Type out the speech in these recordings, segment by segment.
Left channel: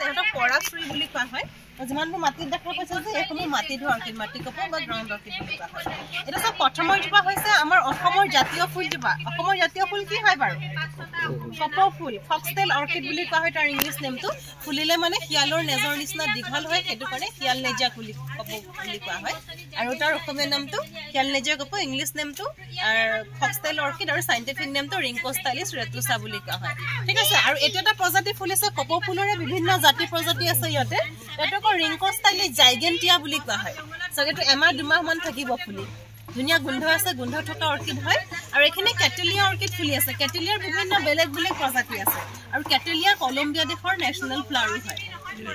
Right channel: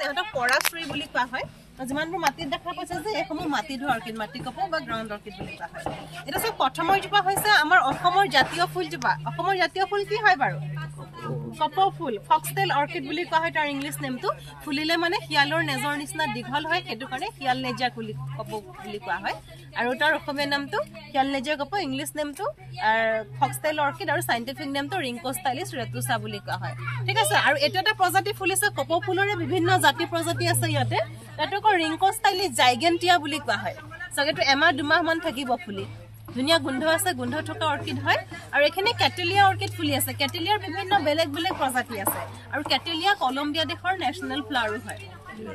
আছে এটা পৰাশ্ৰী বুলি কোৱা হয় যিমানবোৰ মাটিত দেখা পাইছে যে এইসমূহ মাটি ধৰ অৰ্কিড মাটি কপৌ বা গ্ৰাউণ্ড অৰ্কিড বুলি কোৱা হয় এটা সব প্ৰথমৰ জোপা হৈছে আমাৰ অসমৰ জাতীয় ফুল জোপা অসমৰ জাতীয় ফুল কি হয় বাৰু কপৌ ফুল ফক্সটেল অৰ্কিড বুলি কোৱা হয় তাৰ ইংলিছ নেমটো ফুলিলে মানে শিয়ালৰ নেজৰ নিচিনা দীঘল হয় সেইটো কাৰণে শিয়াল নেজা কুলি কপৌ বুলি কোৱা হয় আৰু তাৰ অসমীয়া নামটো শিয়াল নেজা কপৌ ইংলিছ নেমটো ফক্সটেল অৰ্কিড আৰু সাইন্টিফিক নেমটো ৰিংকোষ্টাইলিছ ৰেটুসা বুলি কোৱা হয় ঠিক আছে আৰু এটা এটা প্ৰজাতি ফুল আছে কপৌ ফুলৰে বিভিন্ন জাতি প্ৰজাতি আছে ইয়াতে এটাক ৰিংকোষ্টাইলিছ জাইগেন্টিয়া বুলি কোৱা হয় সগেটো এমাহ দুমাহ মান থাকিব ফুলি ধুনিয়া গন্ধ আছে গন্ধ থকা অৰ্কিড হয় আৰু এখানে ক্যাটেলিয়া অৰ্কিড ফুলি আছে ক্যাটেলিয়াৰ বিভিন্ন বেলেগ বেলেগ প্ৰজাতি আছে আৰু ক্যাটেলিয়া কলম্বিয়া দেশৰ নেশনাল ফ্লাৱাৰ হয়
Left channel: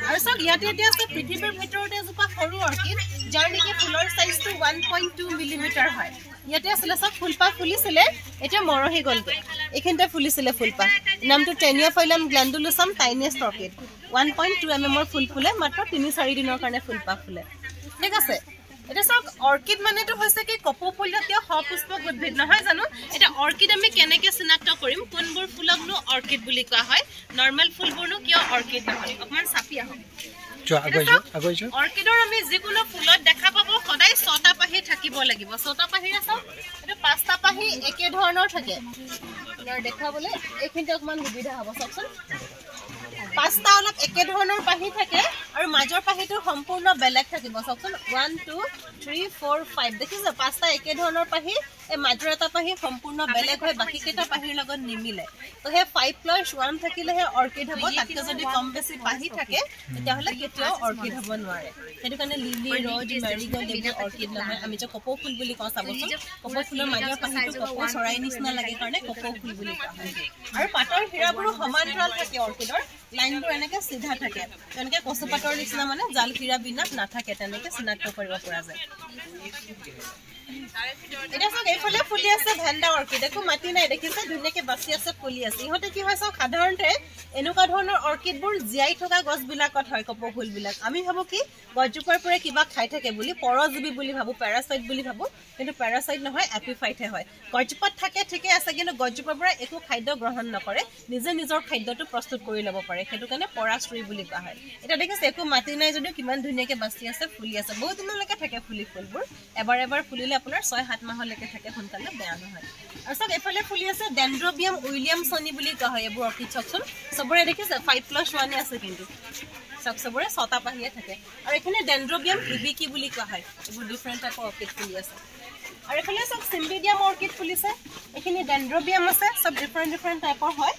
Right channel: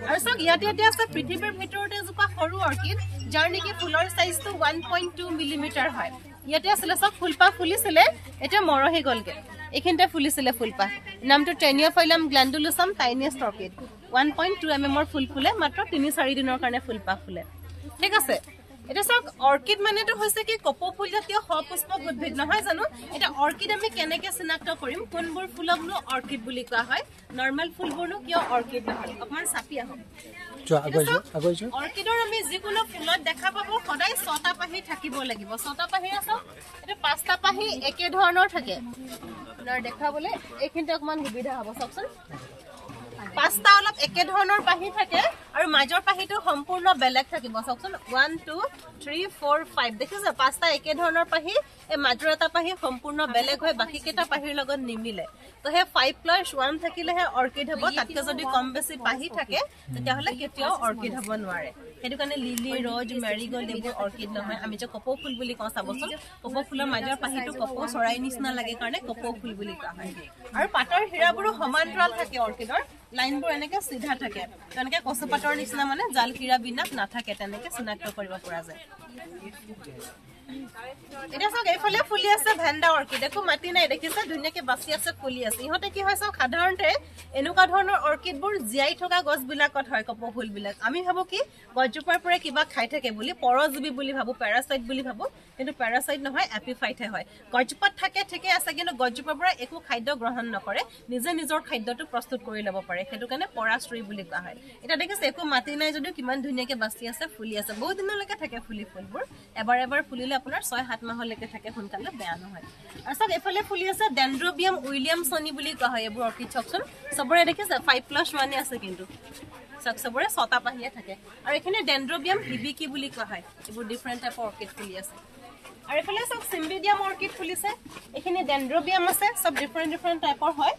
আৰু সব ইয়াতে ইয়াতে আছে পৃথিৱীৰ ভিতৰতে জোপা সৰু অৰ্কিড যাৰ নেকি ফুলৰ সাইজটো 1.2 মিলিমিটাৰ হয় ইয়াতে আছিল সব ফুলপা ফুলিছিলে এটা মৰহি গলগে এখিনতে ফুলিছিলে ফুলপা নামটো টেনিয়াফাইলাম গ্ল্যান্ডুলোসাম টাইনিয়েষ্ট অৰ্কিড 1.2 mm ৰ ফুল ফুলে মাত্ৰ 3-4 দিনৰ কাৰণে ফুলপা ফুলে ঠিক আছে এটা সব অৰ্কিড মানেটো হৈছে কি কপৌ ফুল জাতীয় সপুষ্পক উদ্ভিদ নহয় জানো এটা অৰ্কিড আমি কেনেকে চিনাক্ত কৰিম কোনবোৰ ফুলকনো অৰ্কিড বুলি কোৱা হয় নৰমাল ফুলবোৰনো কিয় অৰ্কিড নহয় অকমান চাপি আহক আগৈছো অৰ্কিডৰ আমি যিকোনো ফুলত দেখা পাব সদায় 6টা পাহি থাকিব লাগিব 6টা পাহি আছে এটা 5টা পাহি একে ধৰণৰ থাকে দেখাবলে এইখিনতে অকমান সুবিধা হ'ব চাওকচোন 5টা অলপ একে ধৰণৰ পাহি থাকে আৰু মাজৰ পাহিটো সম্পূৰ্ণ বেলেগ থাকিব চাওকচোন 1 2 3 4 5 দেখিছে 5টা একে ধৰণৰ পাহি এই মাজৰ এটা পাহি সম্পূৰ্ণ বেলেগ হয় বাকি কেটা পাহিৰ লগত নিমিলে তো হে 5+1 থাকিলেহে অৰ্কিড হ'ব তাতকে যদি কম বেছি পাহি থাকে তেতিয়াহলে কেতিয়াও অৰ্কিড হ'ব নোৱাৰে হেতু কাৰণে লিলি ৰজ মেৰিগোল্ড এইবোৰ অৰ্কিড নহয় আমি যে কপৌ ফুল বুলি কওঁ চাবচোন কপৌ ফুলৰ মাজৰ পাহিটো কপৌ চৰাই নিচিনা লাগে কাৰণে কপৌ ফুল বুলি কোৱা হয় আৰু পাতৰ হীৰাবোৰো সমান্তৰাল থাকে অৰ্কিডৰ লাইনবোৰ এনেকে সিধা থাকে তেনেকে কচুপাতৰ নিচিনা মানে জাল হীৰা বিনাক নাথাকে তেনেকে চিনাক্ত কৰিব পৰা যায় এটা সব এইফালে ফুলি আছে ভেন্ডা অৰ্কিড একো মাটি নাই দেখিছে ধুনিয়াকে বাছি আছে ফুলি আছে ইহতে কি হয় সব সাধাৰণতে এনেকুৱা ধৰণৰ অৰ্কিডবোৰ জিয়াই থকা গছবিলাকত হয় কপৌ ফুলবিলাক আমি ভাবো কি গছজোপাৰ পৰা কিবা খাই থাকে বুলি পৰজীৱী বুলি ভাবো প্যাৰাসাইট বুলি ভাবো কিন্তু প্যাৰাসাইট নহয় এপিফাইটে হয় গছজোপাত থাকে ঠিকে আছে কিন্তু গছজোপাৰ পৰা একো খাদ্য গ্ৰহণ নকৰে নিজে নিজৰ খাদ্যটো প্ৰস্তুত কৰি ল'ব পাৰে সেইটো কাৰণে পৰাশ্ৰী বুলি কোৱা হয় এটা দেখিছে একো মাটি নাই যদিও কিমান ধুনিয়াকে বাছি আছে ফুলি আছে বহুত দিনলৈকে থাকে ফুলি ফুলবোৰ এবাৰ এবাৰ ফুলিলে আপোনাৰ 6-7 মাহলৈকে থাকে সোনকালে বেয়া নহয় আৰু সব এফালে ফুলি আছে ডেন্ড্ৰোবিয়াম উইলিয়ামছনি বুলি কোৱা হয় এইবোৰ অৰ্কিড চকচোন সবৰে দেখিছে 5+1 আছে কিন্তু সবৰে 6টা পাহিয়ে থাকে আৰু এখানে ডেন্ড্ৰোবিয়াম হিবিকি বুলি কোৱা হয় এইবোৰ ডিফাৰেন্ট টাইপৰ অৰ্কিড ফুলি আছে আৰু এখানে সব সিম্বিডিয়াম অৰ্কিড ফুলিছে এখানে ডেন্ড্ৰোবিয়াম আছে সব ডিফাৰেন্ট টাইপৰ হয়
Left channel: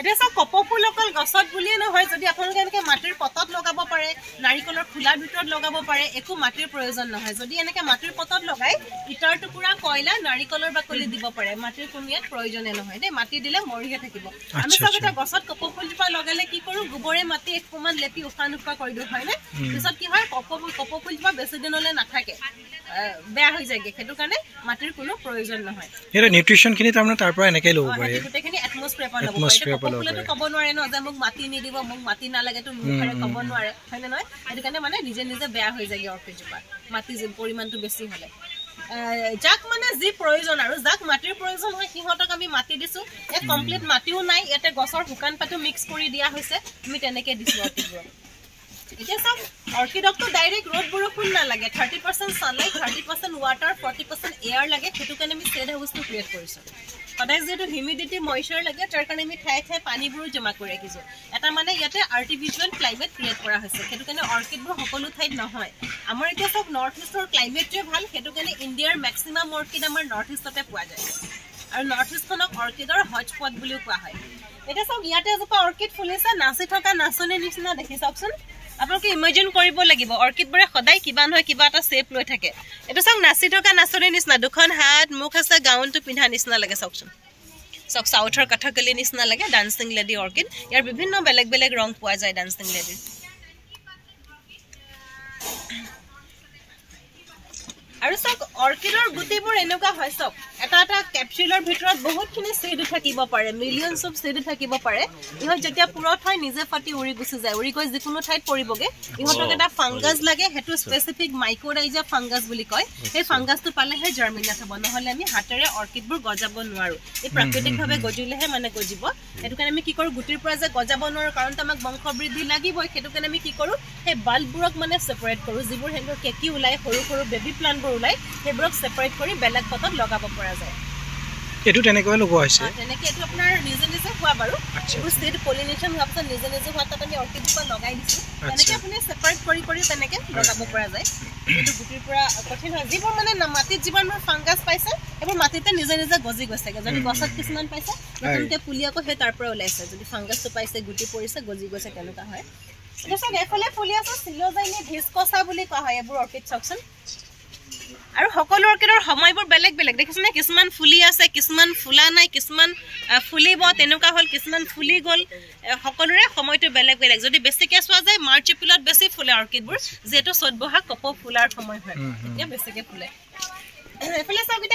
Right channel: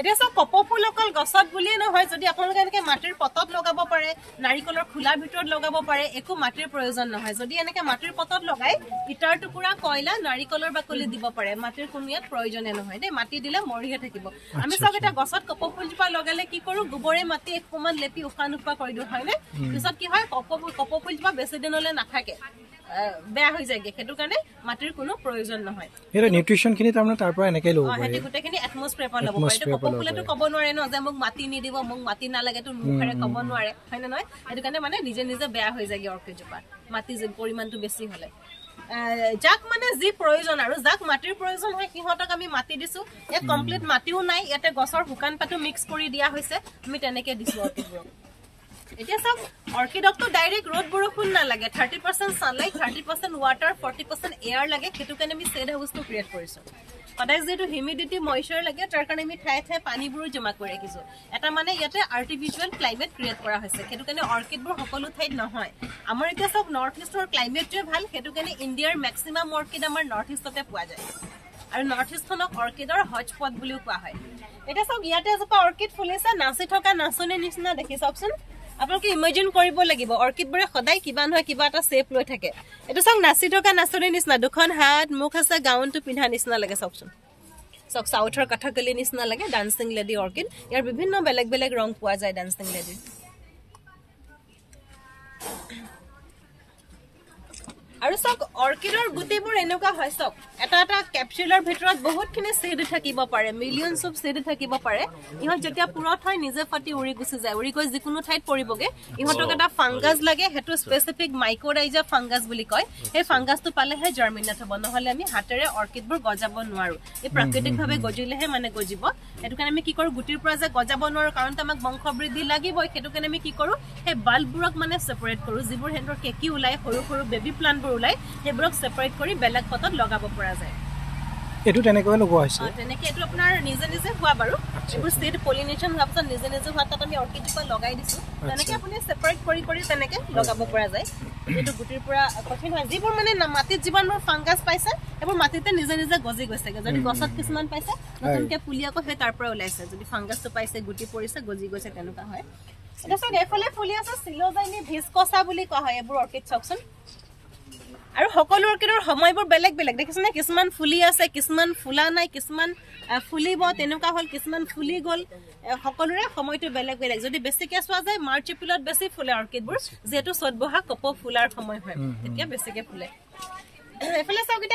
এটা সব কপৌ ফুল অকল গছত বুলিয়ে নহয় যদি আপোনালোকে এনেকে মাটিৰ পটত লগাব পাৰে নাৰিকলৰ খোলাৰ ভিতৰত লগাব পাৰে একো মাটিৰ প্ৰয়োজন নহয় যদি এনেকে মাটিৰ পটত লগাই ইটাৰ টুকুৰা কয়লা নাৰিকলৰ বাকলি দিব পাৰে মাটিৰ কোনো ইয়াত প্ৰয়োজনে নহয় দেই মাটি দিলে মৰিহে থাকিব আমি সব এটা গছত কপৌ ফুলজোপা লগালে কি কৰো গোবৰে মাটি একমান লেপি উফানুফা কৰি দিও হয়নে পিছত কি হয় কপৌ ফুলজোপা বেছি দিনলৈ নাথাকে বেয়া হৈ যায়গে সেইটো কাৰণে মাটিৰ কোনো প্ৰয়োজন নহয় এৰ নিউট্ৰিশন খিনি তাৰমানে তাৰ পৰা এনেকৈ ল'ব পাৰে গোটেইখিনি এটমস্ফিয়াৰ পৰা ল'ব পাৰে কপৌ ফুলটো ক'ব নোৱাৰে ন যে মোক মাটি নিদিব মোক মাটি নালাগে তো মুখৰে ক'ব নোৱাৰে হয়নে নহয় সেইটো কাৰণে মানে নিজে নিজে বেয়া হৈ যায়গে অৰ্কিডজোপা মাটি যে পৰিমাণটো বেছি হ'লে যাক মানে যি প্ৰয়োজন আৰু যাক মাটিৰ প্ৰয়োজন হয় সিহঁতক আমি মাটি দিছো এ কমপ্লিট মাটিও নাই ইয়াতে গছৰ শুকান পাতো মিক্স কৰি দিয়া হৈছে আমি তেনেকে দিছো অৰ্কিডবোৰক এটা সব অৰ্কিডকটো ডাইৰেক্ট ৰ'দ বৰষুণ না লাগে 30% সানলাইট 30% ওয়াটাৰ 40% এয়াৰ লাগে সেইটো কাৰণে আমি সেড হাউসটো ক্ৰিয়েট কৰিছো সদায় যেটো হিউমিডিটি ময়শ্চাৰ লাগে তাৰ কাৰণে আমি ঠাই ঠাই পানীবোৰ জমা কৰি ৰাখিছো এটা মানে ইয়াতে আৰ্টিফিশিয়াল ক্লাইমেট ক্ৰিয়েট কৰা হৈছে সেইটো কাৰণে অৰ্কিডবোৰ সকলো ঠাইত নহয় আমাৰ এতিয়া সব নৰ্থ ইষ্টৰ ক্লাইমেটটোৱে ভাল সেইটো কাৰণে ইণ্ডিয়াৰ ম্যাক্সিমাম অৰ্কিড আমাৰ নৰ্থ ইষ্টতে পোৱা যায় আৰু নৰ্থ ইষ্টখনক অৰ্কিডৰ হটস্পট বুলিও কোৱা হয় এটা সব ইয়াতে জোপা অৰ্কিড ফুলিছে নাচি থকা নাচনী নিচিনা দেখি চাওকচোন আপোনালোকে ইমাজিন কৰিব লাগিব অৰ্কিডবোৰে সদায় কিবা নহয় কিবা এটা শেপ লৈ থাকে এটা সব নাচি থকা নাচনী নিচিনা দুখন হাত মুখ আছে গাউনটো পিন্ধা নিচিনা লাগে চাওকচোন সব সাউথৰ কথাকলি নিচিনা লাগে ডান্সিং লেডি অৰ্কিড ইয়াৰ বিভিন্ন বেলেগ বেলেগ ৰং পোৱা যায় ডান্সিং লেডিৰ আৰু সব অৰ্কিডৰ গুটিবোৰ এনেকুৱা হয় সব এটা এটা ক্যাপচুলৰ ভিতৰত বহুতখিনি সিড থাকিব পাৰে মিলিয়নছ অফ সিড থাকিব পাৰে ইহত যেতিয়া পুৰত হয় নিজে ফাটি উৰি গুছি যায় উৰি গৈ যিকোনো ঠাইত পৰিবগে ইহতক এটা ফাংগাছ লাগে হেতু স্পেসিফিক মাইকোৰাইজা ফাংগাছ বুলি কয় এই ফাংগাছটো পালেহে জাৰ্মিনেট হ'ব নহলে আমি হাতেৰে অৰ্কিডবোৰ গজাব নোৱাৰো এই প্ৰাকৃতিকভাৱে গজিলেহে মানে গজিব সেইটো কাৰণে আমি কি কৰোঁ গুটিৰ পৰা যে গজাব নোৱাৰোঁ কাৰণ আমাক বংশ বৃদ্ধি লাগিবই সেইটো কাৰণে আমি কি কৰোঁ সেই বাল্ববোৰক মানে ছেপাৰেট কৰোঁ যিবোৰ সিহঁতৰ কেঁকি ওলায় সৰু সৰু বেবী প্লাণ্টবোৰ ওলায় সেইবোৰক ছেপাৰেট কৰি বেলেগ পটত লগাব পৰা যায় এইটো তেনেকৈ লগোৱা হৈছে তেনেকৈ এইটো আপোনাৰ নিজে নিজে হোৱা বাৰু এইবোৰ ছিড পলিনেশ্যন হোৱাৰ পিছত নিজে নিজে হোৱা তাত আমি অৰ্কিডজোপা লগাই দিছোঁ তেনেকৈ আপুনি ছেপাৰেট কৰি কৰি তেনেকৈ লগাব পৰা যায় এইটো গুটিৰ পৰা কঠিন হয় যিবোৰ মানে মাটিত যিমানবোৰ ফাংগাছ পাইছে সেইবোৰ মাটিতে নিজে নিজে গজি গৈছেগৈ যদি গছত কিছুমান পাইছে নতুনকৈ পুলি আকৌ সেই তাৰ পৰা ওলাইছে যদি ফাংগাছটো পাইছে গুটি পৰিছে গজি গৈছে তেনেকুৱা হয় এতিয়া চাওক এইফালে ফুলি আছে চিলোজাইনি ভিস্কোচা বুলি কোৱা হয় এইবোৰ অৰ্কিড চাওকচোন আৰু সকলো অৰ্কিডৰ সময়বোৰ বেলেগ বেলেগ দেখিছেনে কিছুমান ফুলি আছে কিছুমান ফুলা নাই কিছুমান ফুলিব তেনেকুৱা হ'ল কিছুমান ফুলি গ'ল সকলোৰে সময়টো বেলেগ বেলেগ যদি বেছিকৈ চোৱা যায় মাৰ্চ এপ্ৰিলত বেছি ফুলে অৰ্কিডবোৰ যিহেতু চ'ত বহাগ কপৌ ফুলাৰ সময় হয় তেতিয়া বেছিকৈ ফুলে এইফালে চাওক এতিয়া